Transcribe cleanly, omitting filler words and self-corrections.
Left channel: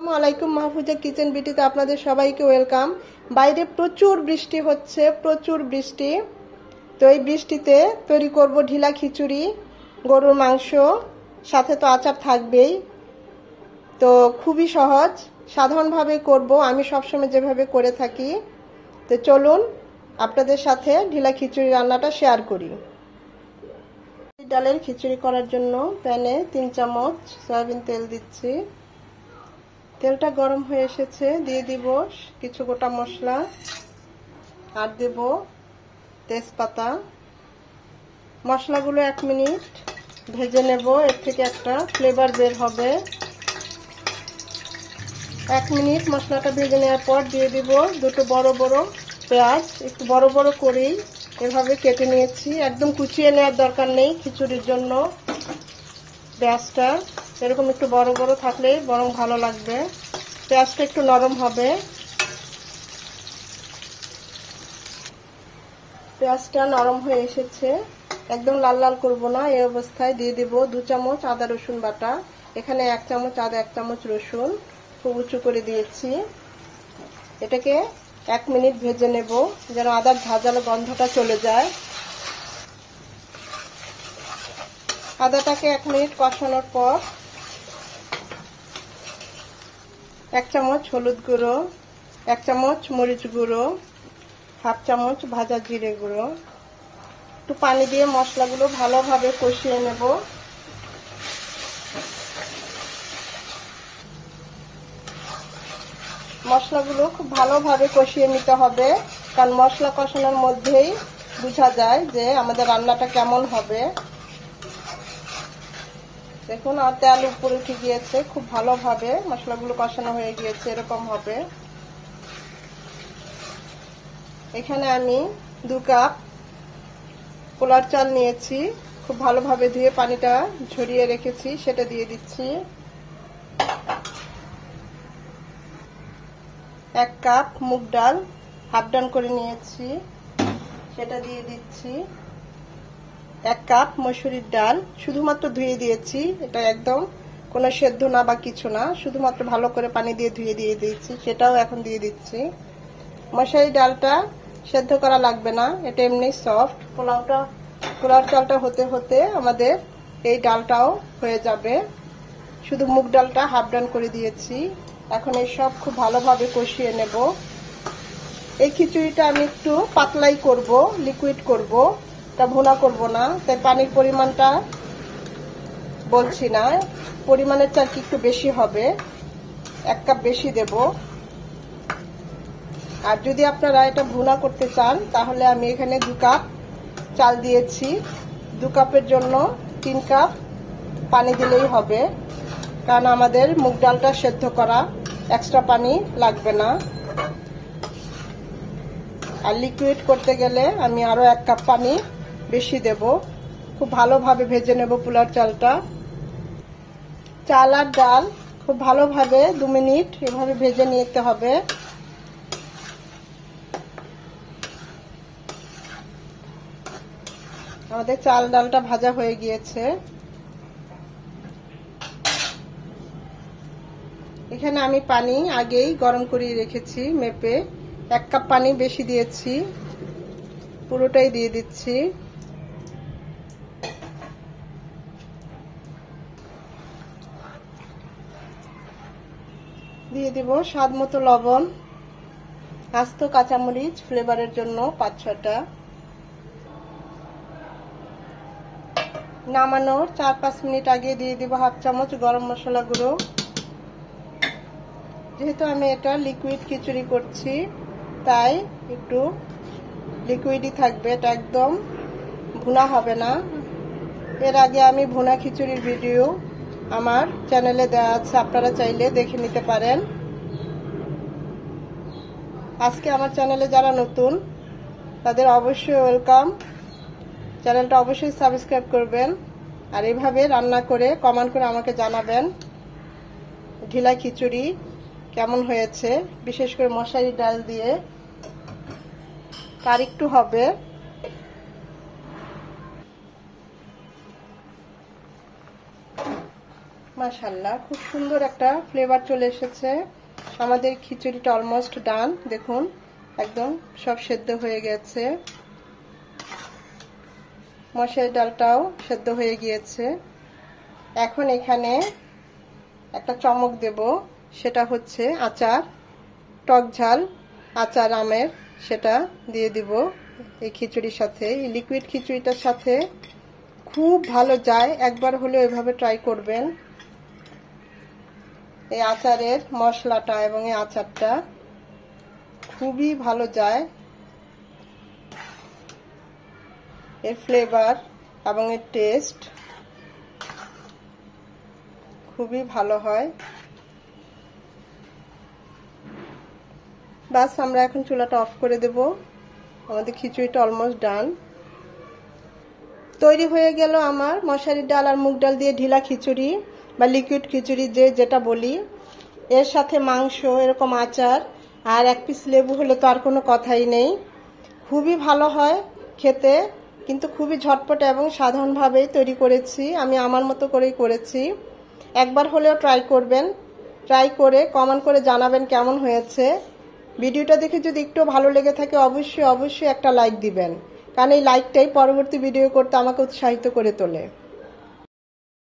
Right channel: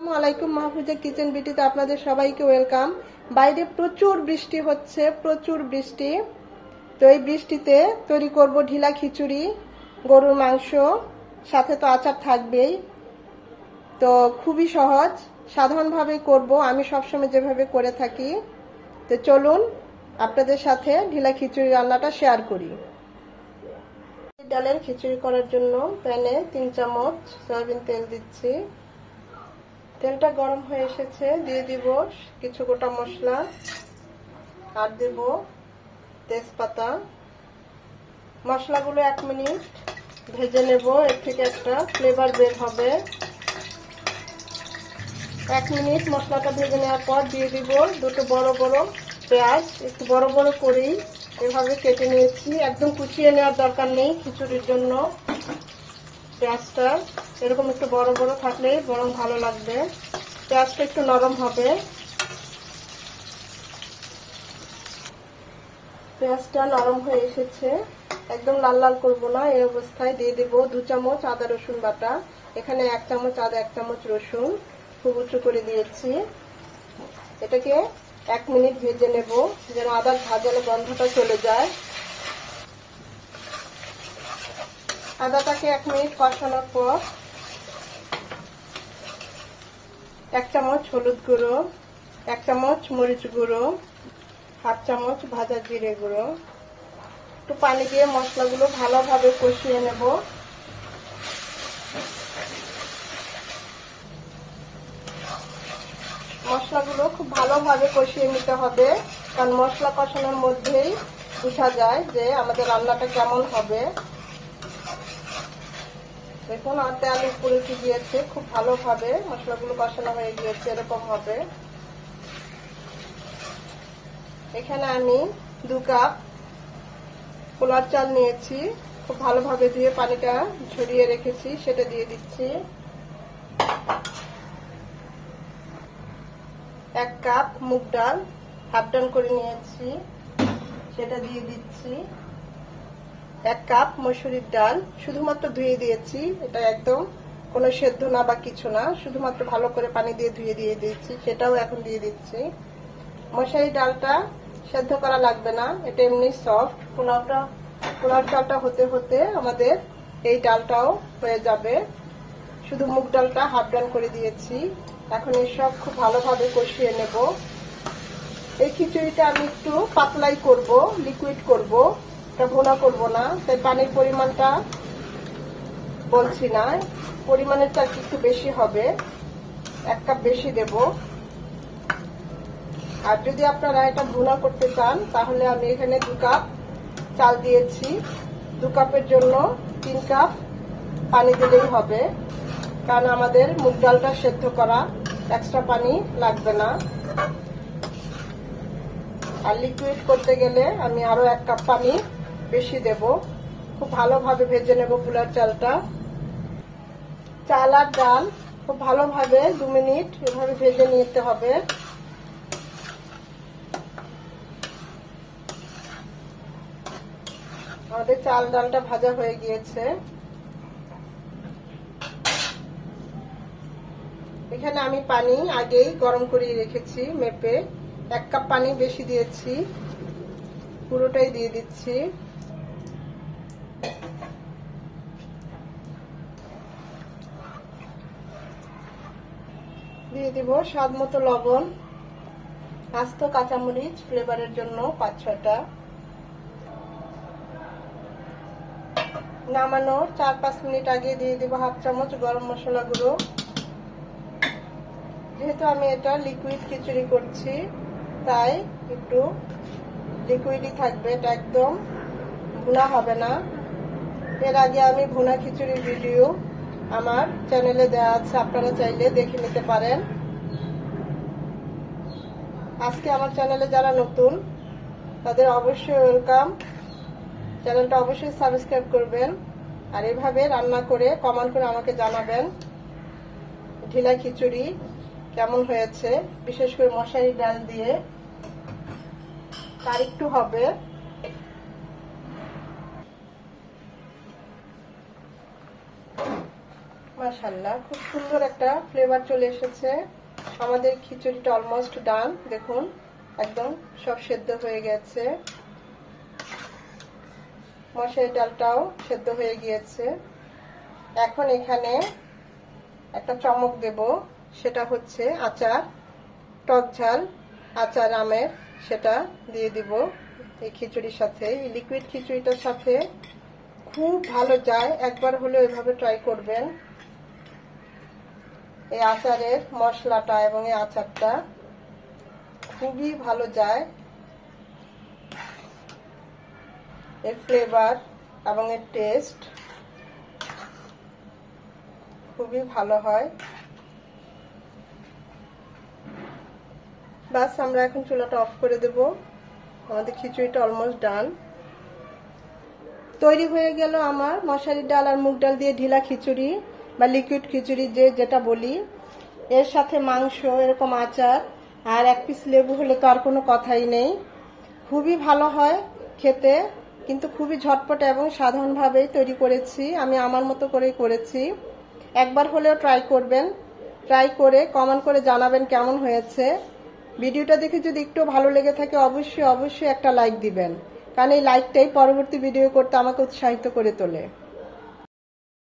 আসসালামু আলাইকুম, মাহফুজা কিচেন বিটিতে আপনাদের সবাইকে ওয়েলকাম। বাইরে প্রচুর বৃষ্টি হচ্ছে, প্রচুর বৃষ্টি। তো এই বৃষ্টিতে তৈরি করব ঢিলা খিচুড়ি, গরুর মাংস, সাথে তো আচার থাকবেই। তো খুবই সহজ, সাধারণভাবে করব আমি সবসময় যেভাবে করে থাকি। তো চলুন আপনাদের সাথে ঢিলা খিচুড়ি রান্নাটা শেয়ার করি। ডালের খিচুড়ি করার জন্য প্যানে 3 চামচ সয়াবিন তেল দিচ্ছি। তেলটা গরম হয়ে এসেছে, দিয়ে দিব কিছু গোটা মশলা, আর দেব তেজপাতা। মশলাগুলো 1 মিনিট ভেজে নেব, এর থেকে একটা ফ্লেভার বের হবে। 1 মিনিট মশলাটা ভেজে নেওয়ার পর দিয়ে দিব দুটো বড় বড় পেঁয়াজ, একটু বড় বড় করেই এভাবে কেটে নিয়েছি। একদম কুচিয়ে নেওয়ার দরকার নেই খিচুড়ির জন্য। পেঁয়াজটা এরকম একটু বড় বড় থাকলে বরং ভালো লাগবে, পেঁয়াজটা একটু নরম হবে। পেঁয়াজটা নরম হয়ে এসেছে, একদম লাল লাল করবো না। এই অবস্থায় দিয়ে দেব 2 চামচ আদা রসুন বাটা। এখানে 1 চামচ আদা, 1 চামচ রসুন খুব উঁচু করে দিয়েছি। এটাকে 1 মিনিট ভেজে নেব, যেন আদার ভাজালো গন্ধটা চলে যায়। আদাটাকে 1 মিনিট কষানোর পর 1 চামচ হলুদ গুঁড়ো, 1 চামচ মরিচ গুঁড়ো, 1/2 চামচ ভাজা জিরে গুঁড়ো, একটু পানি দিয়ে মশলাগুলো ভালোভাবে কষিয়ে নেব। মশলাগুলো খুব ভালোভাবে কষিয়ে নিতে হবে, কারণ মশলা কষানোর মধ্যেই বোঝা যায় যে আমাদের রান্নাটা কেমন হবে। দেখুন আর তেল উপরে উঠে গিয়েছে, খুব ভালোভাবে মশলাগুলো কষানো হয়ে গিয়েছে, এরকম হবে। এখানে আমি 2 কাপ পোলার চাল নিয়েছি, খুব ভালোভাবে ধুয়ে পানিটা ঝরিয়ে রেখেছি, সেটা দিয়ে দিচ্ছি। 1 কাপ মুগ ডাল হাফ ডান করে নিয়েছি, সেটা দিয়ে দিচ্ছি। 1 কাপ মসুরির ডাল শুধুমাত্র ধুয়ে দিয়েছি, এটা একদম কোনো সেদ্ধ না বা কিছু না, শুধুমাত্র ভালো করে পানি দিয়ে ধুয়ে দিয়ে দিয়েছি, সেটাও এখন দিয়ে দিচ্ছি। মশারি ডালটা সেদ্ধ করা লাগবে না, এটা এমনি সফট। পোলাও চালটা হতে হতে আমাদের এই ডালটাও হয়ে যাবে। শুধু মুগ ডালটা হাফ ডান করে দিয়েছি। এখন এই সব খুব ভালোভাবে কষিয়ে নেব। এই খিচুড়িটা আমি একটু পাতলাই করব, লিকুইড করব, এটা ভুনা করব না, তাই পানির পরিমাণটা বলছি না। পরিমাণের চাল একটু বেশি হবে, 1 কাপ বেশি দেব। আর যদি আপনারা এটা ভুনা করতে চান তাহলে আমি এখানে 2 কাপ চাল দিয়েছি, 2 কাপের জন্য 3 কাপ পানি দিলেই হবে, কারণ আমাদের মুগ ডালটা সেদ্ধ করা, এক্সট্রা পানি লাগবে না। আর লিকুইড করতে গেলে আমি আরো 1 কাপ পানি বেশি দেব। খুব ভালোভাবে ভেজে নেব পোলার চালটা। চাল আর ডাল খুব ভালোভাবে 2 মিনিট এভাবে ভেজে নিতে হবে। আমাদের চাল ডালটা ভাজা হয়ে গিয়েছে। এখানে আমি পানি আগেই গরম করে রেখেছি মেপে, 1 কাপ পানি বেশি দিয়েছি, পুরোটাই দিয়ে দিচ্ছি। দিয়ে দিব স্বাদ মতো লবণ, আস্ত কাঁচামরিচ ফ্লেভারের জন্য 5-6টা। নামানোর 4-5 মিনিট আগে দিয়ে দিব 1/2 চামচ গরম মশলা গুঁড়ো। যেহেতু আমি এটা লিকুইড খিচুড়ি করছি তাই একটু লিকুইডই থাকবে, এটা একদম ভুনা হবে না। এর আগে আমি ভুনা খিচুড়ির ভিডিও আমার চ্যানেলে দেওয়া আছে, আপনারা চাইলে দেখে নিতে পারেন। আজকে আমার চ্যানেলে যারা নতুন তাদের অবশ্যই ওয়েলকাম, চ্যানেলটা অবশ্যই সাবস্ক্রাইব করবেন। আর এইভাবে রান্না করে কমেন্ট করে আমাকে জানাবেন ঢিলা খিচুড়ি কেমন হয়েছে, বিশেষ করে মশারি ডাল দিয়ে। তার একটু হবে। মাশাআল্লাহ, খুব সুন্দর একটা ফ্লেভার চলে এসেছে। আমাদের খিচুড়িটা অলমোস্ট ডান। দেখুন একদম সব সেদ্ধ হয়ে গেছে, মশারি ডালটাও সেদ্ধ হয়ে গিয়েছে। এখন এখানে একটা চমক দেব, সেটা হচ্ছে আচার, টক ঝাল আচার আমের, সেটা দিয়ে দিব এই খিচুড়ির সাথে। এই লিকুইড খিচুড়িটার সাথে খুব ভালো যায়, একবার হলেও এভাবে ট্রাই করবেন। এই আচারের মশলাটা এবং এই আচারটা খুবই ভালো যায়, এর ফ্লেভার এবং এর টেস্ট খুবই ভালো হয়। বাস আমরা এখন চুলাটা অফ করে দেব। আমাদের খিচুড়িটা অলমোস্ট ডান। তৈরি হয়ে গেল আমার মশারির ডাল আর মুগ ডাল দিয়ে ঢিলা খিচুড়ি বা লিকুইড খিচুড়ি, যে যেটা বলি। এর সাথে মাংস, এরকম আচার আর এক পিস লেবু হলে তো আর কোনো কথাই নেই। খুবই ভালো হয় খেতে, কিন্তু খুবই ঝটপট এবং সাধারণভাবেই তৈরি করেছি আমি, আমার মতো করেই করেছি। একবার হলেও ট্রাই করবেন, ট্রাই করে কমেন্ট করে জানাবেন কেমন হয়েছে। ভিডিওটা দেখে যদি একটু ভালো লেগে থাকে অবশ্যই একটা লাইক দিবেন, কারণ এই লাইকটাই পরবর্তী ভিডিও করতে আমাকে উৎসাহিত করে তোলে।